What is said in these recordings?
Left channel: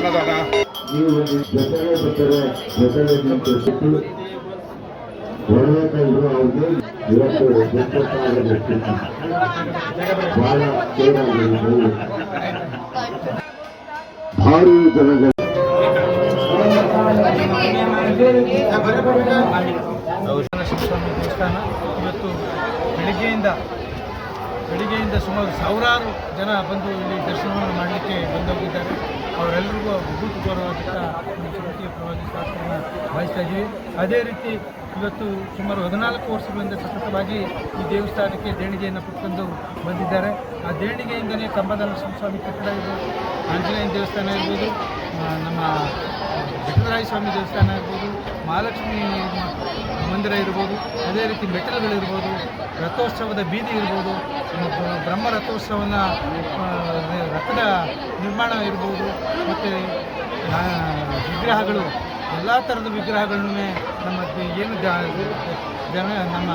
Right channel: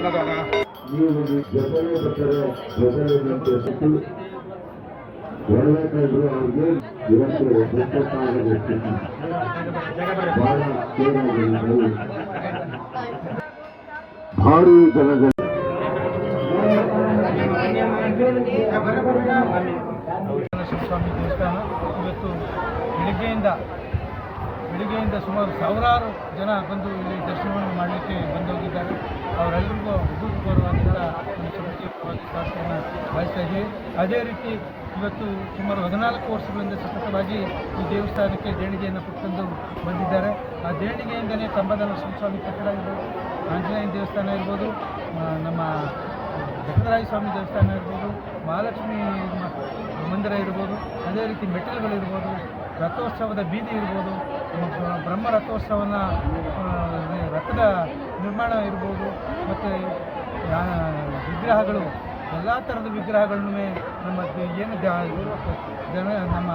ಅನ್ನದಾನ ಭಾರಿ ಜನಗಳ ಸ್ವಾಮಿ ದೇವಸ್ಥಾನ ಇವತ್ತು ಬೆಳಿಗ್ಗೆಯಿಂದ ಸುಮಾರು ಸಾವಿರಾರು ಜನ ಬಂದು ಇಲ್ಲಿ ದರ್ಶನವನ್ನು ಮಾಡಲಿಕ್ಕೆ ಬಂದೋಗಿದ್ದಾರೆ. ಅವರೆಲ್ಲರಿಗೂ ಅಭೂತಪೂರ್ವವಾದಂಥ ನಮ್ಮ ಚುಟುಕಿಯ ಪ್ರವಾಸಿ ಶಾಸ್ತ್ರವನ್ನು ಬಯಸ್ತಾ ಇದ್ದೀವಿ. ಅದೇ ರೀತಿ ಇವತ್ತು ಸುಮಾರು 14 ವರ್ಷಗಳಿಂದ ಸತತವಾಗಿ ಈ ದೇವಸ್ಥಾನಕ್ಕೆ ದೇಣಿಗೆಯನ್ನು ಕೊಟ್ಕೊಂಡು ಬಂದಿದ್ದಾರೆ. ಆ ದೇಣಿಗೆಯಿಂದಲೇ ಕಂಬದ ನರಸಿಂಹಸ್ವಾಮಿ ಕಟ್ಟಡ ಇರ್ಬೋದು, ಆಂಜನೇಯನ ದೇವಸ್ಥಾನ ಇರ್ಬೋದು, ನಮ್ಮ ಜಗದರಾಯ ಸ್ವಾಮಿ ದೇವಸ್ಥಾನ ಇರ್ಬೋದು, ಮಹಾಲಕ್ಷ್ಮಿ ಮಂದಿರ ಇರ್ಬೋದು, ಅದೇ ರೀತಿ ಮೆಟ್ಟಿಲುಗಳಿರ್ಬೋದು, ರಥೋತ್ಸವದ ಬೀದಿ ಇರ್ಬೋದು, ಬ್ರಹ್ಮ ರಥೋತ್ಸವನ ರಥದ ನಿರ್ಮಾಣ ಇರ್ಬೋದು, ಮತ್ತು ವಿಗ್ರಹಗಳು ಎಲ್ಲ ಥರದ ವಿಗ್ರಹಗಳನ್ನೂ ನಮ್ಮ ಏನು ನಮ್ಮ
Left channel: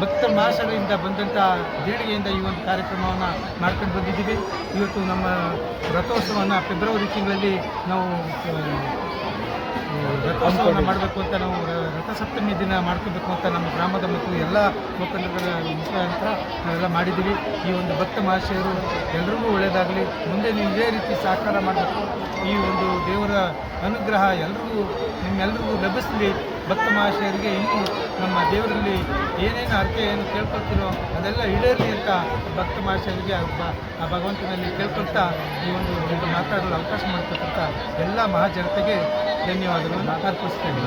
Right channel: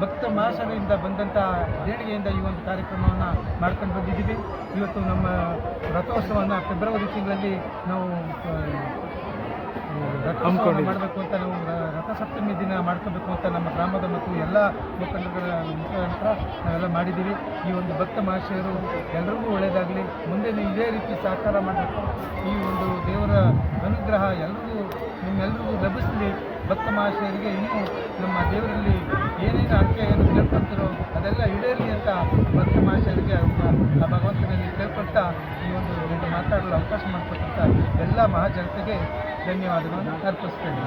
ಭಕ್ತ ಮಹಾಶಯರಿಂದ ಬಂದಂಥ ದೇಣಿಗೆಯಿಂದ ಈ ಒಂದು ಕಾರ್ಯಕ್ರಮವನ್ನು ಮಾಡ್ಕೊಂಡು ಬಂದಿದ್ದೀವಿ. ಇವತ್ತು ನಮ್ಮ ರಥೋತ್ಸವವನ್ನು ಫೆಬ್ರವರಿ ತಿಂಗಳಲ್ಲಿ ನಾವು ರಥೋತ್ಸವವನ್ನು ಮಾಡಬೇಕು ಅಂತ ನಾವು ರಥಸಪ್ತಮಿ ದಿನ ಮಾಡ್ಕೋಬೇಕು ಅಂತ ನಮ್ಮ ಗ್ರಾಮದ ಮತ್ತು ಎಲ್ಲ ಮುಖಂಡರ ಮುಖಾಂತರ ನಾವೆಲ್ಲ ಮಾಡಿದ್ದೀವಿ. ಈ ಒಂದು ಭಕ್ತ ಮಹಾಶಯರು ಎಲ್ರಿಗೂ ಒಳ್ಳೆಯದಾಗಲಿ, ಮುಂದೆ ನೀವು ಇದೇ ರೀತಿ ಸಹಕಾರ ಮಾಡಬೇಕು. ಈ ಒಂದು ದೇವರ ಅನುಗ್ರಹ ನಿಮ್ಮೆಲ್ಲರಿಗೂ ಲಭಿಸಲಿ. ಭಕ್ತ ಮಹಾಶಯರಿಗೆ ಇನ್ನೂ ನಮ್ಮ ದೇವರಲ್ಲಿ ಏನೇನು ಅರ್ಥ ಕೇಳ್ಕೊಳ್ತಿರೋ ಅದೆಲ್ಲ ಈಡೇರಲಿ ಅಂತ ಭಕ್ತ ಮಹಾಶಯರಿಗೆ ಆ ಭಗವಂತನಲ್ಲಿ ಕೇಳ್ಕೊಳ್ತಾ ಈ ಒಂದು ಮಾತಾಡಲು ಅವಕಾಶ ಮಾಡಿಕೊಟ್ಟಂಥ ಎಲ್ಲ ಮಹಾಜನತೆಗೆ ಧನ್ಯವಾದಗಳನ್ನು ಅರ್ಪಿಸ್ತೇನೆ.